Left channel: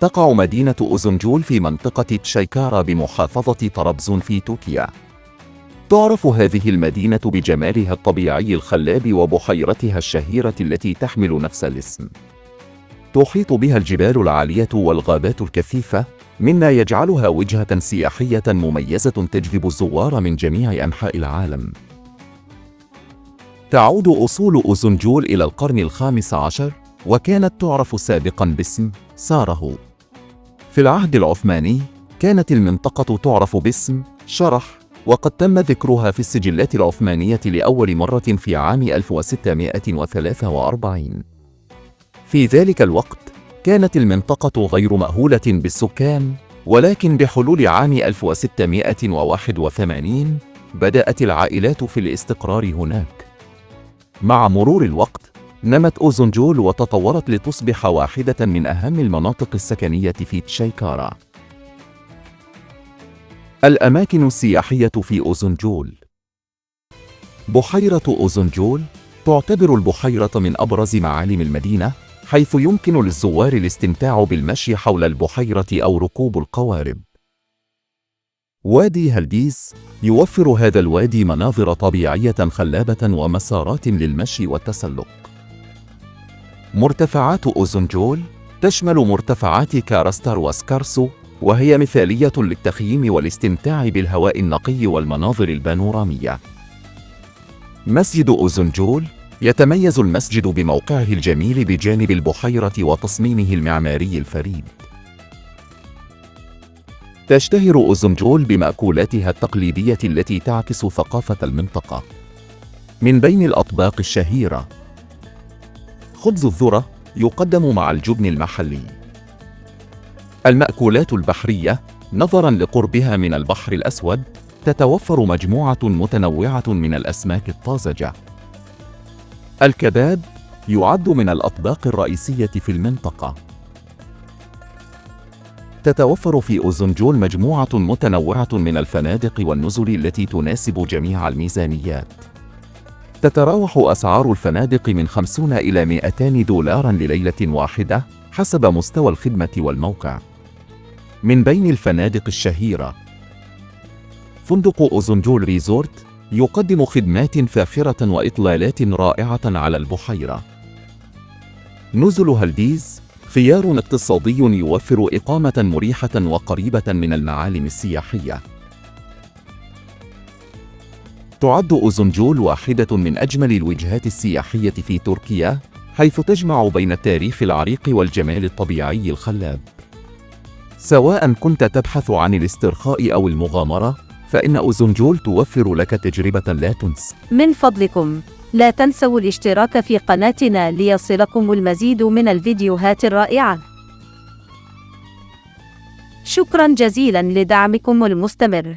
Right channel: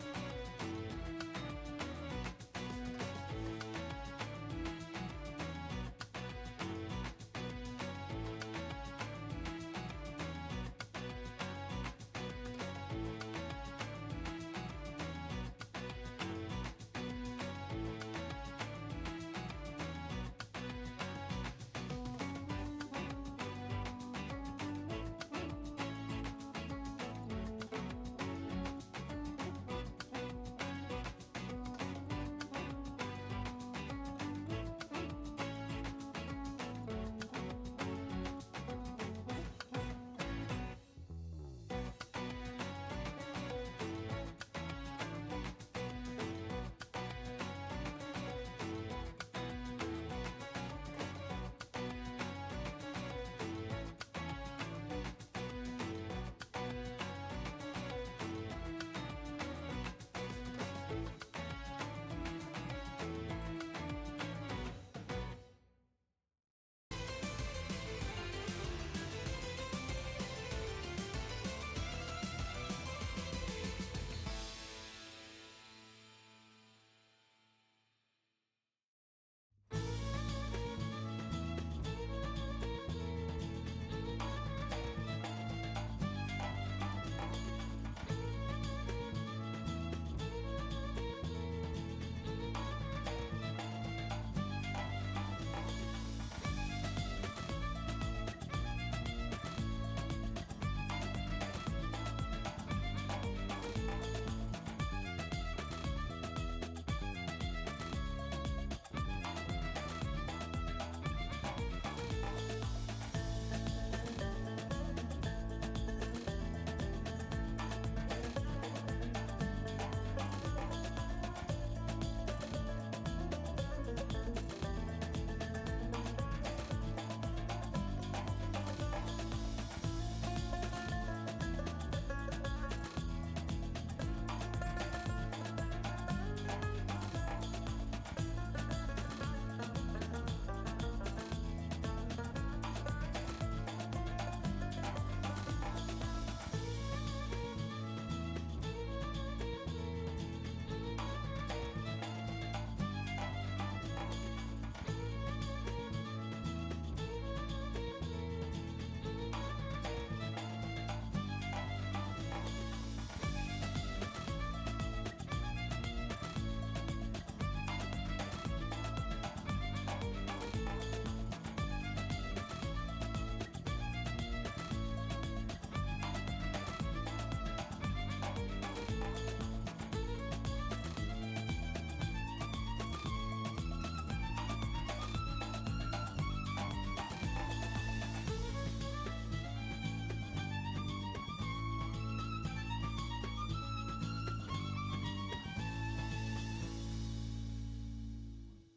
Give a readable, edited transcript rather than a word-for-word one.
تقع مدينة أوزنغول في منطقة تشايكارا بمحافظة طرابزون في تركيا. تعرف هذه المدينة بجمالها الطبيعي الخلاب وبحيرتها الشهيرة التي تحمل نفس الاسم. تحيط بها الجبال العالية والغابات الكثيفة، مما يجعلها وجهة سياحية مميزة تجذب الزوار من جميع أنحاء العالم. تعود أصول أوزنغول إلى القرن ال15، وكانت تعرف سابقاً باسم ساره. في العهد العثماني كانت المنطقة تعرف باسم شرح، وقد تم ذكرها في السجلات العثمانية لأول مرة في عام 1643. في ذلك الوقت كانت المنطقة غير مأهولة بالسكان، ولكن بحلول عام 1681 بدأت العائلات في الاستقرار هناك. مع مرور الوقت نمت أوزنغول وتطورت لتصبح واحدة من أهم المناطق السكنية في تشايكارا. الأماكن السياحية في أوزنغول. بحيرة أوزنغول تعتبر البحيرة من أبرز معالم المدينة، حيث يمكن للزوار الاستمتاع بالمشي حول البحيرة أو ركوب القوارب. وادي هلديز يوفر هذا الوادي مناظر طبيعية خلابة ومسارات للمشي والتسلق. مرتفعات أوزنغول تشمل مرتفعات كارستر وسكارسو، وهي مثالية للتخييم والاستمتاع بالهواء النقي والمناظر البانورامية. مسجد أوزنغول يتميز المسجد بموقعه الجميل بجانب البحيرة وتصميمه المعماري الفريد. تشتهر أوزنغول بمأكولاتها التقليدية التي تعكس ثقافة المنطقة. من بين الأطباق الشهيرة خبز الذرة يقدم مع الجبن المحلي. المأكولات البحرية، نظراً لقربها من البحر الأسود، تتوفر مجموعة متنوعة من الأسماك الطازجة. الكباب يعد من الأطباق الرئيسية في المنطقة. تتوفر في أوزنغول مجموعة متنوعة من الفنادق والنزل التي تناسب جميع الميزانيات. تتراوح أسعار الفنادق من 50 إلى 200 دولار لليلة واحدة حسب مستوى الخدمة والموقع. من بين الفنادق الشهيرة فندق أوزنغول ريزورت، يقدم خدمات فاخرة وإطلالات رائعة على البحيرة. نزل هلديز خيار اقتصادي يوفر إقامة مريحة وقريبة من المعالم السياحية. تعد أوزنغول واحدة من أجمل الوجهات السياحية في تركيا، حيث تجمع بين التاريخ العريق والجمال الطبيعي الخلاب. سواء كنت تبحث عن الاسترخاء أو المغامرة، فإن أوزنغول توفر لك تجربة لا تنسى. من فضلكم لا تنسوا الاشتراك في قناتنا ليصلكم المزيد من الفيديوهات الرائعة. شكرا جزيلا لدعمكم المستمر.